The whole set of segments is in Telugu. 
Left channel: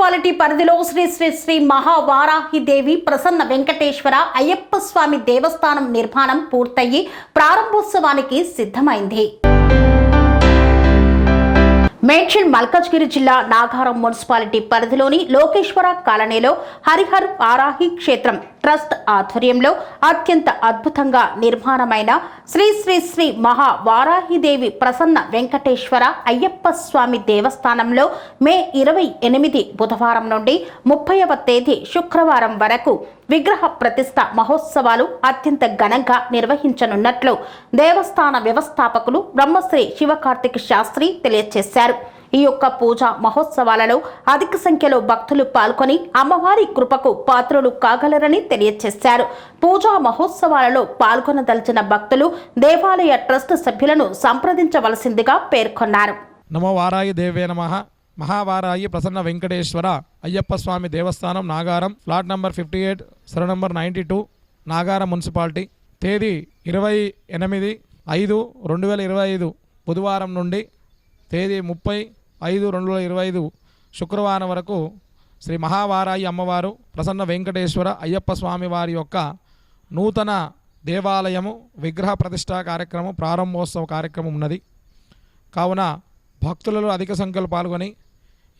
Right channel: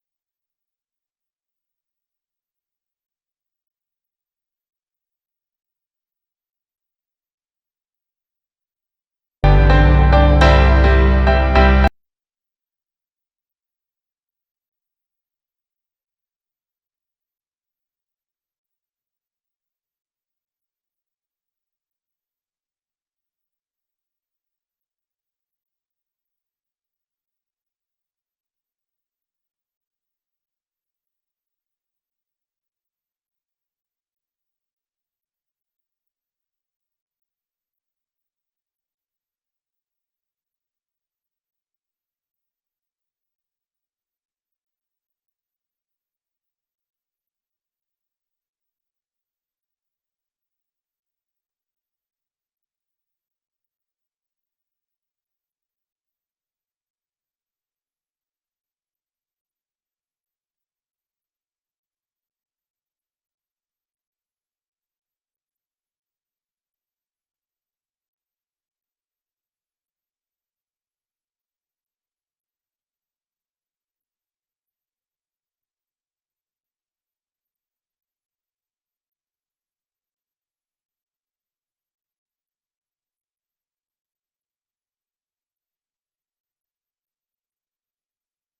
మున్సిపాలిటీ పరిధిలో శ్రీ శ్రీ శ్రీ మహావారాహిదేవి ప్రసన్న వెంకటేశ్వర అయ్యప్ప స్వామి దేవస్థానం నిర్మాణం పూర్తయి ప్రారంభోత్సవానికి సిద్ధమైంది. మేడ్చల్ మల్కాజ్గిరి జిల్లా నాగారం మున్సిపాలిటీ పరిధిలోని లోకేశ్వర కాలనీలో హరిహర్ వారాహి క్షేత్రం ట్రస్ట్ ఆధ్వర్యంలో అత్యంత అద్భుతంగా నిర్మాణమైన శ్రీ శ్రీ శ్రీ మహావారాహిదేవి ప్రసన్న వెంకటేశ్వర అయ్యప్ప స్వామి దేవస్థానంలో మే 28 బుధవారం నుండి 30వ తేదీ శుక్రవారం వరకు విగ్రహ ప్రతిష్ఠ మహోత్సవాలు అత్యంత ఘనంగా నిర్వహించనున్నట్లు దేవస్థాన వ్యవస్థాపకులు బ్రహ్మశ్రీ శివకార్తిక శాస్త్రి తెలియజేశారు. ఈ యొక్క పూజా మహోత్సవాలలో అధిక సంఖ్యలో భక్తులు పాల్గొని అమ్మవారి కృపకు పాత్రులు కాగలరని తెలియజేశారు. పూజా మహోత్సవాలలో పాల్గొనదలిచిన భక్తులు దేవాలయ ట్రస్ట్ సభ్యులను సంప్రదించవలసిందిగా పేర్కొన్నారు. నమో వారాయి దేవే నమః. మహావారాయి ప్రసన్న వెంకటేశ్వర అయ్యప్ప స్వామి దేవస్థానం నాగారం, ఫ్లాట్ నంబర్ 58, సర్వ నంబర్ 92, నాగారం మున్సిపాలిటీ. తేదీ 28/5/2025 బుధవారం నుండి తేదీ 30/5/2025 శుక్రవారం వరకు శ్రీ మహావారాయి అమ్మవారు ప్రసన్న వెంకటేశ్వర అయ్యప్ప స్వామి వారి యొక్క నూతన దేవాలయము విగ్రహ ప్రతిష్ఠా కార్యక్రమం ప్రారంభోత్సవ కార్యక్రమం ఉన్నది. కావున భక్తులలో అధిక సంఖ్యలో పాల్గొని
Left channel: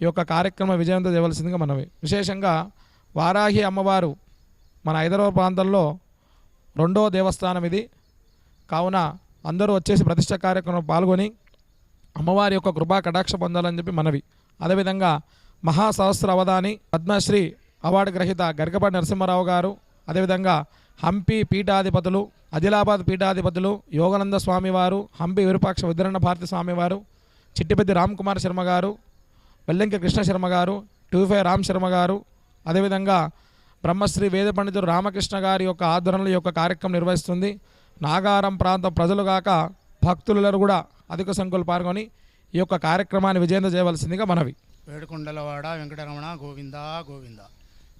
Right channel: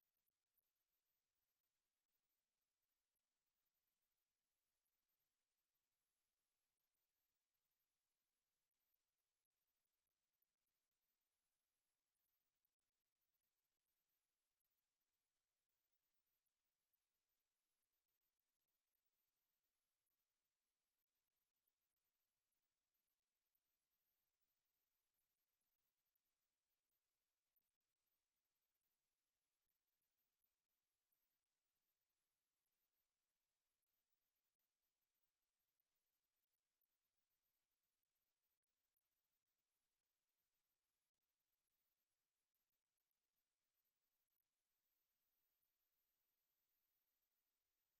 ఈ యొక్క కార్యక్రమం విజయవంతం చేయవలసిందిగా మనవి. విశేషంగా వారాహి అమ్మవారు మన హైదరాబాద్ ప్రాంతంలో 2వ దేవస్థానం ఇది. కావున అందరూ వచ్చేసి ప్రతిష్ఠ కార్యక్రమం పాల్గొని అమ్మవారి యొక్క కృపా కటాక్ష పొందాలని చెప్పి మనవి. అదేవిధంగా మహాసహస్ర అవధాని పద్మశ్రీ అవార్డు గ్రహీత గరికపాటి నరసింహారావు గారు, అదేవిధంగా హంపి పీఠాధిపతులు, ఆదిలాబాద్ పీఠాధిపతులు యోగానంద స్వామివారు, హంపి విరూపాక్ష ఉద్దరణ భారతి స్వామివారు, చిట్టిపెద్ది రామ్ కుమార్ శర్మ గారు, వెల్లంకి కృష్ణ శర్మ గారు, 25 రామ్ శర్మ గారు, అదేవిధంగా బ్రహ్మశ్రీ వేద పండితుడు రామకృష్ణ గారి యొక్క ఆధ్వర్యంలో ఈ యొక్క కార్యక్రమం నిర్వహిస్తుంది. నాగారం ప్రాంతం ప్రజలు కాక భక్తులలో కూడా అధిక సంఖ్యలో పాల్గొని ఈ యొక్క కార్యక్రమాన్ని విజయవంతం చేయవలసిందిగా మనవి. వేడుకొండలవాడ వెంకటరమణ గోవింద గోవింద.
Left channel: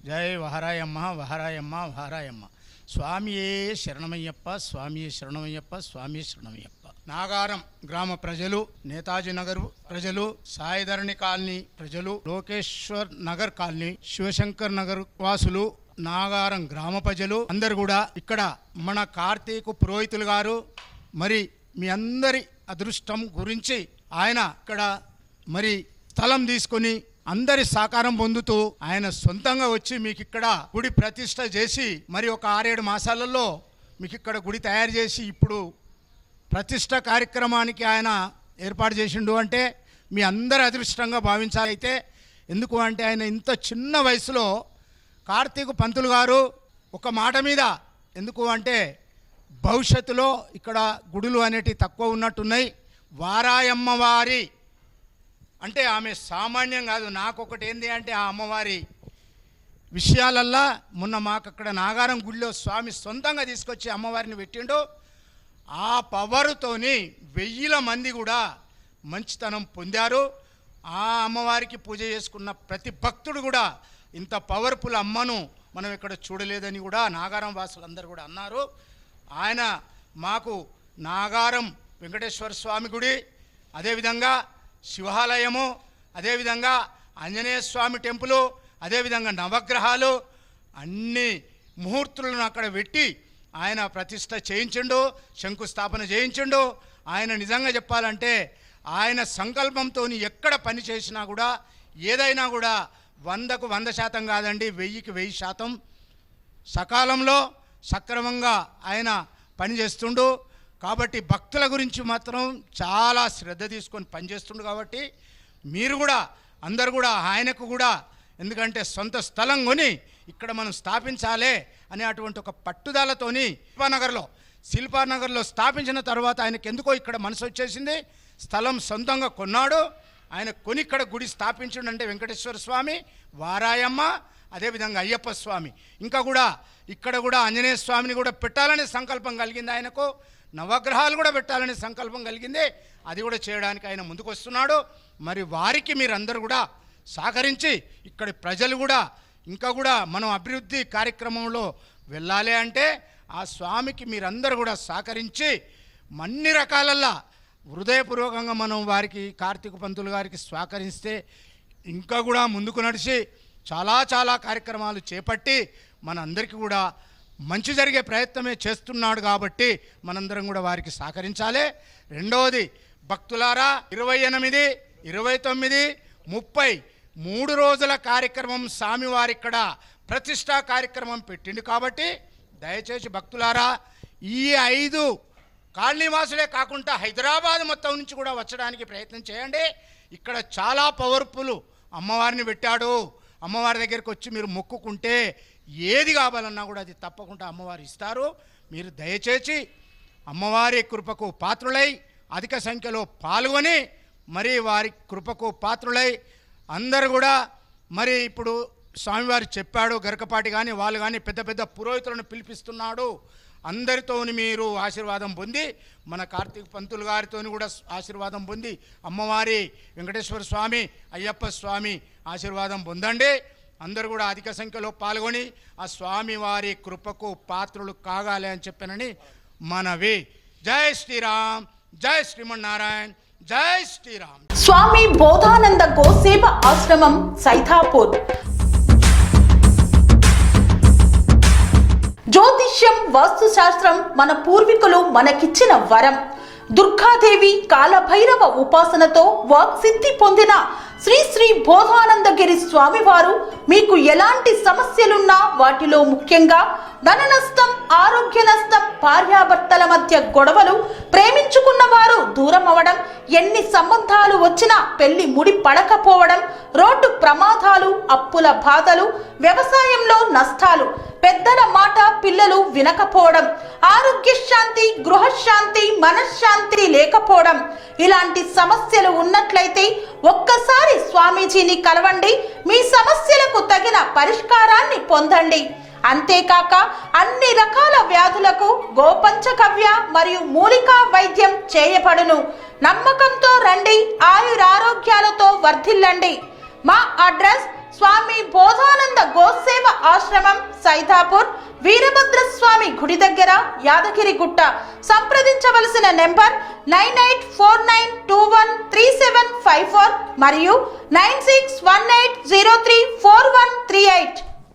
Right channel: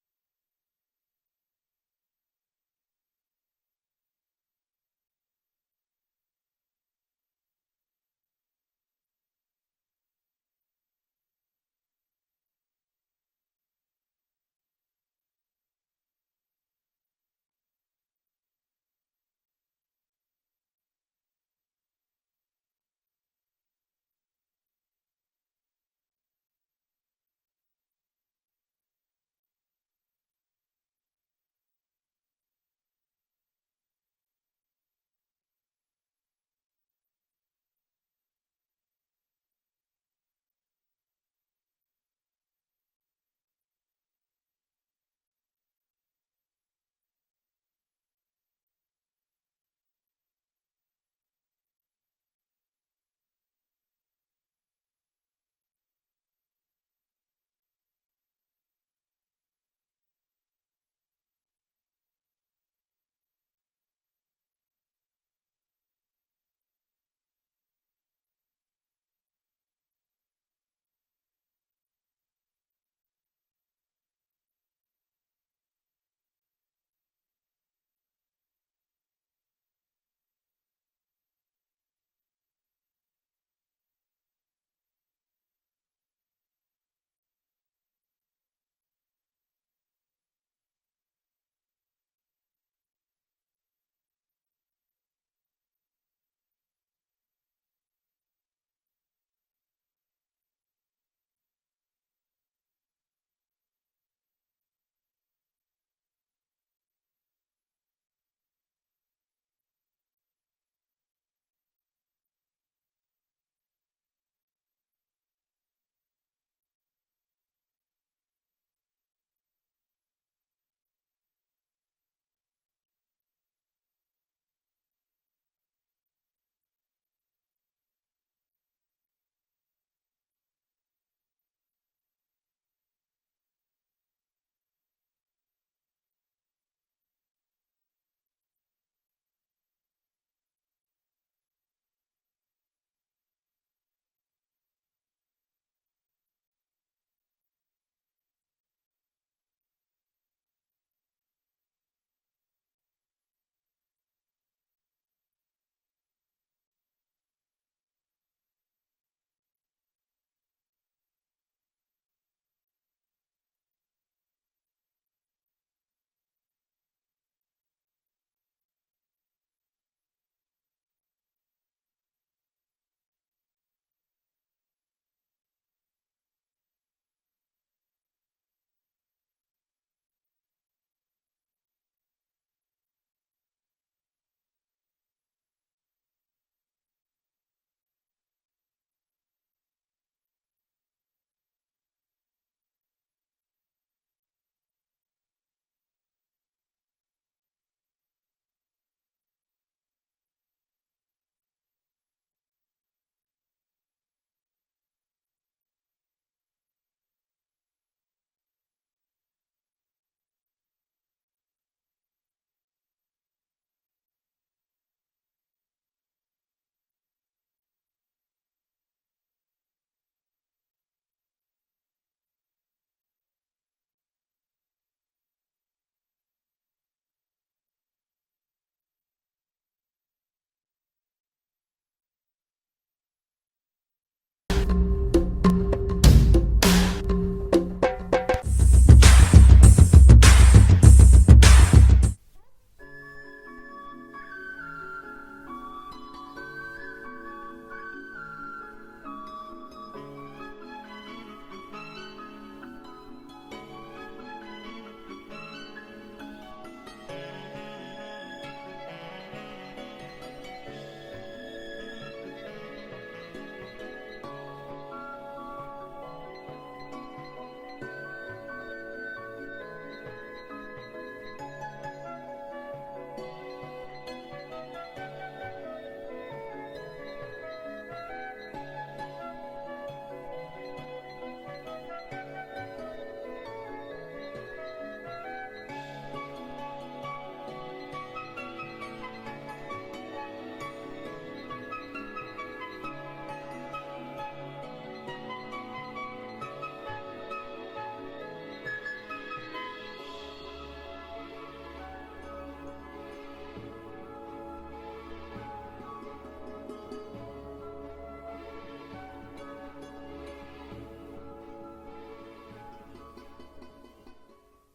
జై వహరాయమ్మ వహరాయమ్మ వహరాయమ్మ. స్వామియే శరణమయ్యప్ప, స్వామియే శరణమయ్యప్ప, స్వామియే శరణమయ్యప్ప. నాగారం గ్రామ ప్రజలు, నేతాజీ నగర్ ప్రజలు, సాయిధరణి కాలనీ ప్రజలు, లోకేశ్వర్ నగర్ కాలనీ, శివశంకర్ నగర్ వాసులు, నాగారం గ్రామ ప్రజలు అందరు కూడా ఇక్కడ మన కార్తీక పురోహితులు గారు మరి మీ అందరి అదృష్టం గురించి ఆయన ఇక్కడ మరి స్థలం తీసుకొని అందరి సహకారం పొందుతూ ఆయన సొంతంగా వచ్చి మీకు ఇక్కడ గుడి ప్రతిష్ట చేసి మరి ఒక 6-7 మాసాలలో మీకు ఇక్కడ గుడి తయారు చేసి ఇప్పుడు ప్రతిష్ట కార్యక్రమానికి ఆయన ఏర్పాటు చేసిండు. అంటే మీ అందరి అదృష్టంగా భావించాలి. అయితే ఎందుకు అంటే ఆయన ఇంత చిన్న వయసులో కార్తీక పంతులు గారు ఒక మాట మీద, ఎందుకు అంటే భవిష్యత్తులో ఇక్కడ గుడులు అనేటివి తక్కువ ఉన్నట్టున్నాయి. వారాయమ్మ వారి అంటే ఆమె సామాన్యం కాదు. నాకొకటి ఏంది అంటే ఆ అమ్మవారి విషయాలల్లా మొన్న మాకు అక్కడ నాగారం గుడిలో స్వామి సొంతంగా తీసుకొచ్చి అమ్మవారిని పెట్టిండు. ఆ పవర్తోని 1000 మంది కూడా మంచితనం పొందారు. ఆ అమ్మవారికి పూజ చేసుకున్న ప్రతి భక్తుడు కూడా ఇంత పవర్ఫుల్ అమ్మను మనం ఇక్కడ చూడలేదని కూడా నాగారం వాసులందరూ కూడా అన్నారు. ఆయన మాకు నాగారం వెంకటేశ్వర స్వామి గుడి, అదేవిధంగా శివాలయము, అదేవిధంగా ఆంజనేయ స్వామి టెంపులు, అదేవిధంగా నవగ్రహాలు అన్ని ముహూర్తులను అక్కడ పెట్టి ఆయన ప్రతిష్ట చేయించిండు, శంకుస్థాపన చేయించిండు. ఆయన నిజంగా చెప్పాలంటే ఆయన సంకల్పంతో ఎక్కడ పని చేసినా కూడా ఏదైనా కూడా 100కు 100% కాదండి, 1000కి 1000% సకాలంలో సక్రమంగా ఆయన పనిచేస్తుండు. కాబట్టి భక్తుల గురించి మాత్రం చాలా శ్రద్ధ తీసుకొని పనిచేస్తుండు. కాబట్టి మీరు కూడా అందరు కూడా ఆయనకు కూడా, ఎందుకంటే సొంత స్థలం కొని ఇక్కడ మనం స్థాపించాలి అనే అటువంటి ఒక పట్టుదలతోని శిల్పానగర్లో స్థాపించిన తర్వాత ఆయనకు ఎందుకో ఇక్కడ మనసు వచ్చేసింది. స్థలం సొంతంగా కొన్నాడు. ఆయన కొని ఇక్కడ గుడి స్థాపించండు. అంటే వెంకటేశ్వర స్వామి, వారాయమ్మ, అదేవిధంగా అయ్యప్ప స్వామి, ఇంకా కూడా ఇక్కడ కూడా ఆంజనేయ స్వామిని కూడా పెట్టాలనే సంకల్పం కలిగింది ఆయనకు. నవగ్రహాలు కూడా పెట్టాలనే సంకల్పం కలిగింది. అది కూడా చేయడానికి ఆయన ముందుకు వస్తున్నాడు. మరి వారికి మీరందరూ కూడా సహకరించి ఇక్కడి ప్రజలు కూడా ఇంకా కూడా మనం అభివృద్ధి కార్యక్రమంలో వెళ్ళాలి అంటే ఆ స్వామికి మీరందరూ కూడా సహకరించి అన్ని రకాలల్లా హృదయపూర్వకంగా మనం వారికి కార్తీక పంతులు గారికి సహకరిస్తే ఇంకా కూడా ముందుకు నడిచి చాలా కార్యక్రమాలు చేపట్టి మనందరికీ కూడా మంచి జరిగే ప్రయత్నమే చేస్తున్నాడు కాబట్టి మనందరం కూడా వారికి సహకరించాలి. రెండవది భక్తులారా, 28, 29, 30 3 రోజుల కార్యక్రమం స్వామివారి ఇక్కడ ప్రతిష్టా కార్యక్రమం పెట్టింది కాబట్టి దయచేసి భక్తులారా ఈ 5 కాలనీవాసులే కాకుండా హైదరాబాద్ మొత్తం నుంచి కూడా వచ్చడానికి ప్రయత్నం చేయండి. ఇక్కడ చాలా పవర్ఫుల్ అమ్మవారిని పెట్టాడు. అమ్మవారి దగ్గరికి వచ్చి మీరు మొక్కుకుంటే ఏది కావాలన్నా కూడా అది తప్పకుండా అమ్మవారు ఇస్తారు. మీరు దయచేసి అమ్మవారి కృపకు పాత్రులై అధిక సంఖ్యలో పాల్గొని మరి వారి కృపకు పాత్రులై అందరూ కూడా మరి ఇప్పుడు స్వామివారు చెప్పాడు, గరకపాటి కానీ వాళ్ళు కానీ పెద్ద పురోహితులను పిలిపిస్తున్నాడు. అందరితోని మీరు ఆశీర్వాదం పొంది మన కార్తీక పంతులు గారితో కూడా ఆశీర్వాదం పొంది అమ్మవారి వెంకటేశ్వర స్వామి అయ్యప్ప స్వామి ఆశీర్వాదం పొందండి. అందరూ కూడా అధిక సంఖ్యలో పాల్గొని ఆ స్వామి వారి కృపకు పాత్రులు కాగాలి అని చెప్పానని మనవి. జై శ్రీరామ్, జై శ్రీమన్నారాయణ, జై శ్రీరామ్. స్వామి బోధానంద గోసేవ ఆశ్రమం సైథాపూర్. జ్యోతిష్యం, వాస్తుశాస్త్రం మన పూర్వీకులు మనకిచ్చిన వరం. దుర్గాదేవి, కాలభైరవ ఉపాసనతో వాక్సిద్ధి పొందిన శ్రీ బోధానందగిరి స్వామివారు మీకు ఎలాంటి సమస్యలున్నా, వాటిలో ముఖ్యంగా ధన నష్టం, ఆరోగ్య నష్టం, భార్యాభర్తల మధ్య గొడవలు, ప్రేమించుకున్న వారు దూరం అవడం, ఎన్ని సంబంధాలు వచ్చినా పెళ్లి ముడి పడకపోవడం, రోడ్డు ప్రమాదాలు, అప్పుల బాధలు, వ్యవసాయంలో నష్టాలు, పెద్దల మాట పిల్లలు వినకపోవడం, ఆరోగ్య శాంతి, గృహశాంతి, మనశ్శాంతి లేకపోవడం, ఇలాంటి సమస్యలు ఉన్నట్లయితే ఒక్కసారి స్వామీజీని కలవండి. మీ సమస్యలకు తగిన పరిష్కారాన్ని పొందండి. అంతేకాక అన్ని రకాల వ్యాధులకు గోపంచకవ్య మరియు మూలికా వైద్యం చేయబడును. నమ్మకంతో రండి, ఆయురారోగ్యాలతో వర్ధిల్లండి. మా అడ్రస్ స్వామి బోధానంద గోసేవ ఆశ్రమం సైథాపూర్, వీరభద్రస్వామి గుడి దగ్గర, యాదగిరిగుట్ట. సంప్రదించవలసిన నెంబర్ 9849213754 మరియు 9618034138.